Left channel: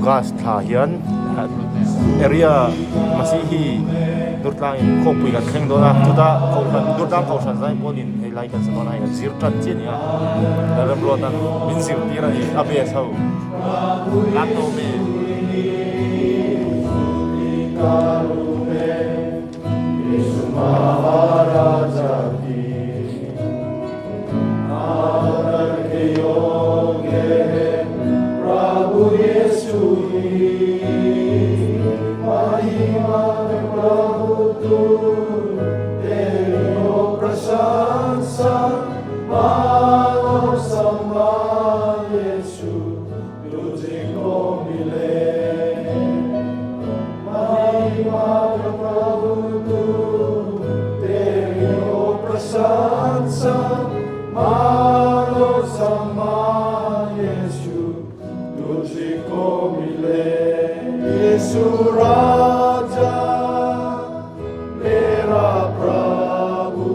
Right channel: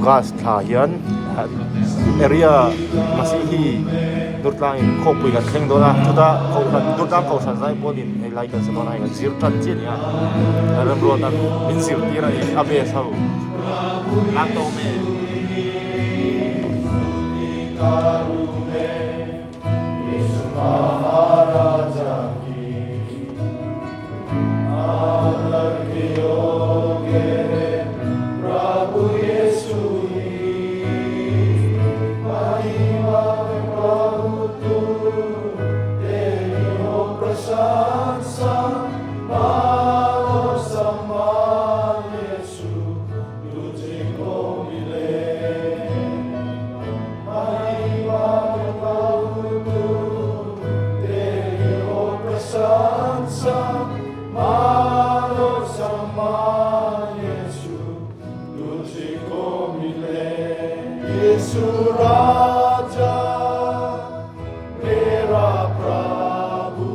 August tha hian area masihi nurtlangin khopui kan thleng dona chuta kholan nurtlang khoshan zai polin hei lai kan sabona ya zir tan chenia ram rotan min zir tira ni abe sau lak to me Maharaja ki आदर के योग्य है प्रभु यीशु महिमा प्रभु तू तेरी हो प्रशंसा मानो सम्मान यीशु तुझे को मिले महिमा प्रभु तू तेरी हो प्रशंसा मानो सम्मान यीशु तुझको मिले यीशु राजा मेरा प्रभु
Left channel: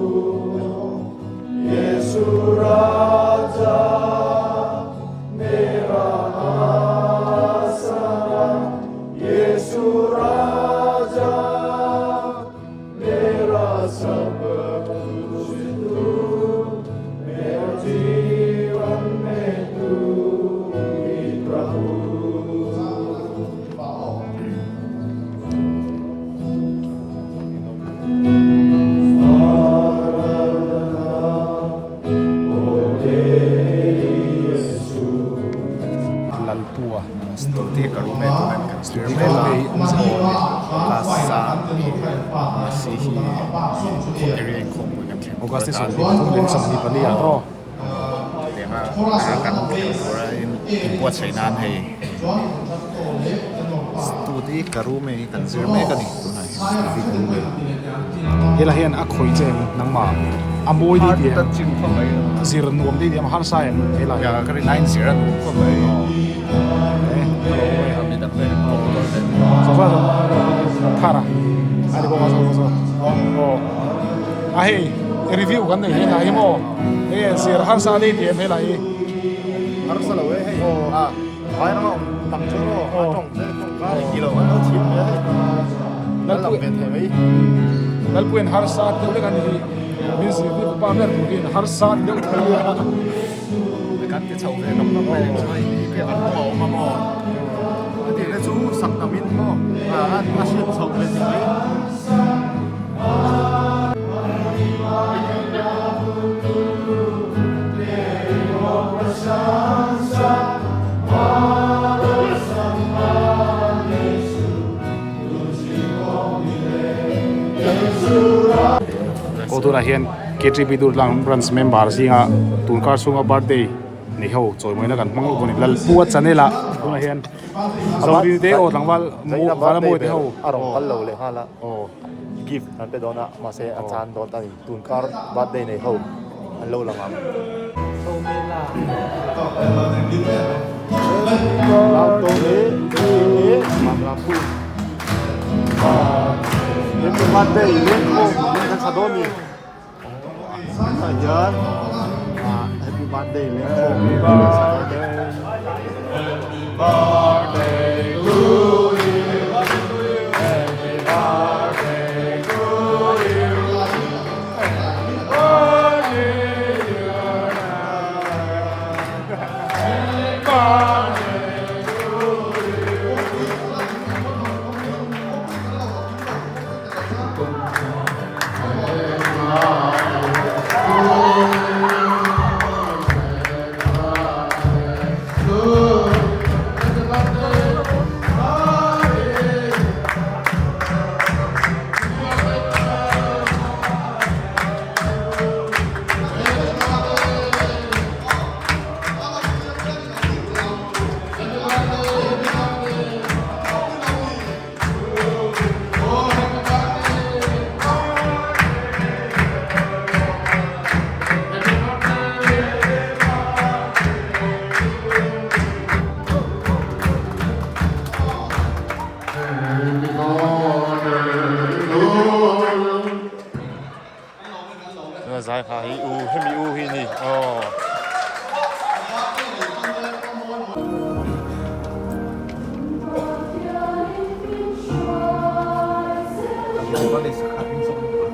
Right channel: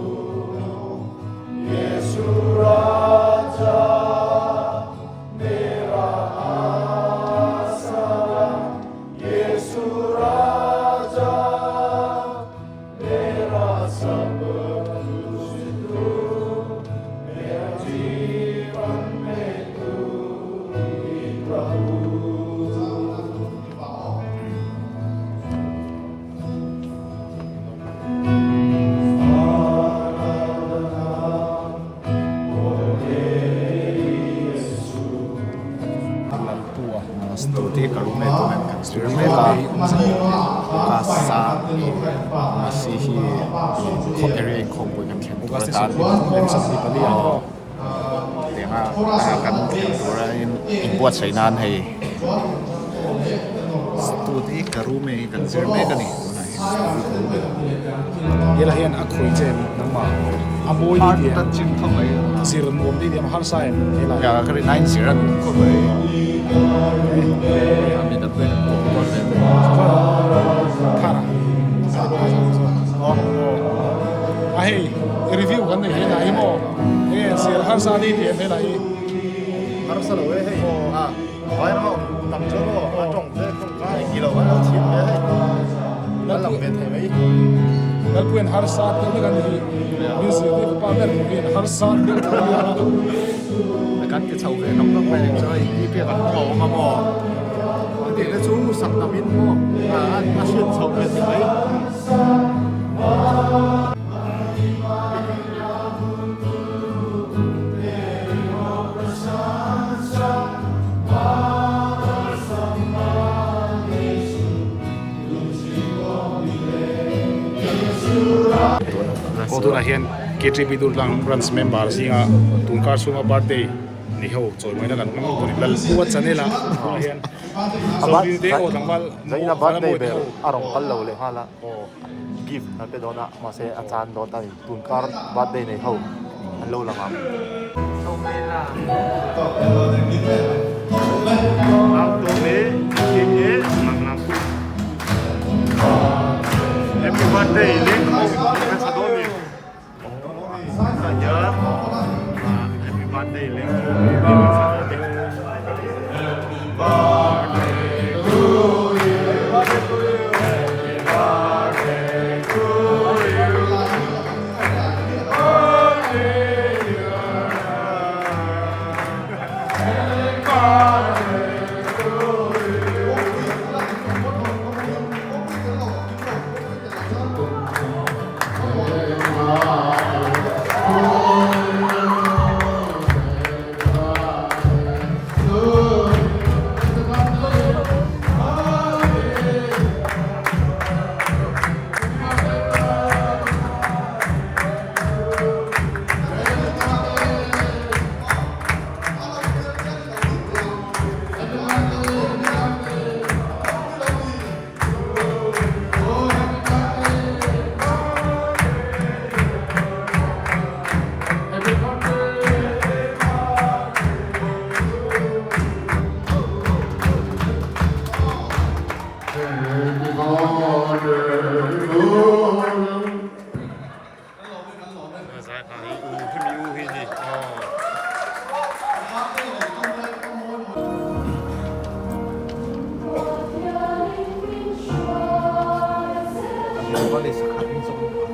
यीशु राजा मेरा आसरा यीशु राजा मेरा सब जीवन में तू ही प्रभु Stuti karume tunen kan stirmela kasa masihi ko area ko kan kan tan denga kan kurain buat sainan hai stuti karume kan stirme kan ni tunai yela hian a khoi chen nang ma a boi har ni ta chin kho mai siran bom ni diam har sai yela ya kari 9 siran kho mai kami tak boleh kok thara a hei review kan nei na hi mo e sir har sa ni diam he lai har sa lo hei vai na tang cho lo a tong te kong ka kilo wa lo thim me hei na lam ve the mai dal puen har sa te kan ni ni sir ni pa mer ni har sa ni kan cái sầu về nóng nóng này rồi việc ăn mò mà mò thì cái chú sặc tầm in mò ăn xuyên sầu về thì ấy ko tu na hian KTP Durlang branch member singa turkar sunga birthday ni ho choi moi na kan mang ko lal puat chanela ko hian abat de o tangwal zaina birthday be arong kal lo le hala gift na pe dona ma se achan do ta tunkar birthday nei ho an lo langam lao to me e mang lam pu happy birthday le ko na sa do mi Sanjar, happy birthday, Lengko. Birthday to you. Birthday to you. Giải khai u hemi u hi ni. เลยสักครั้งสอง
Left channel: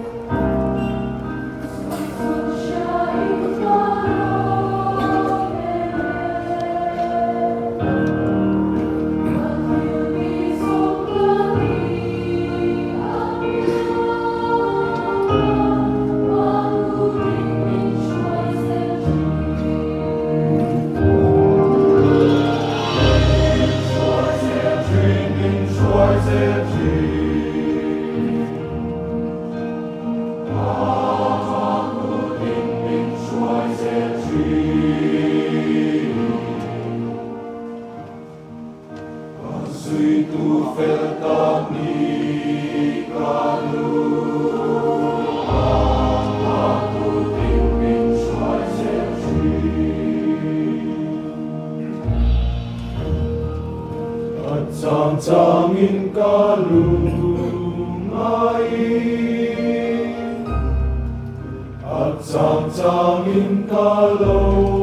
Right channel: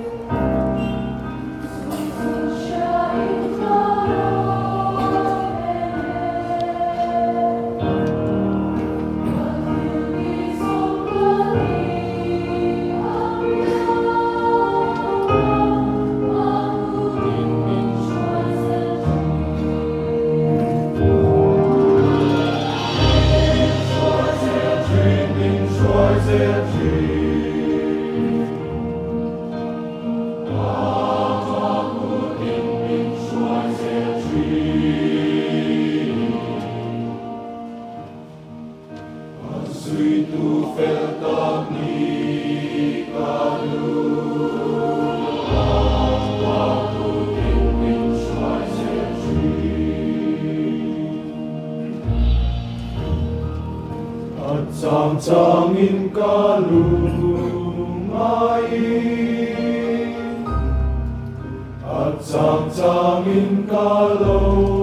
장장인 가루마이 장장인 가로로피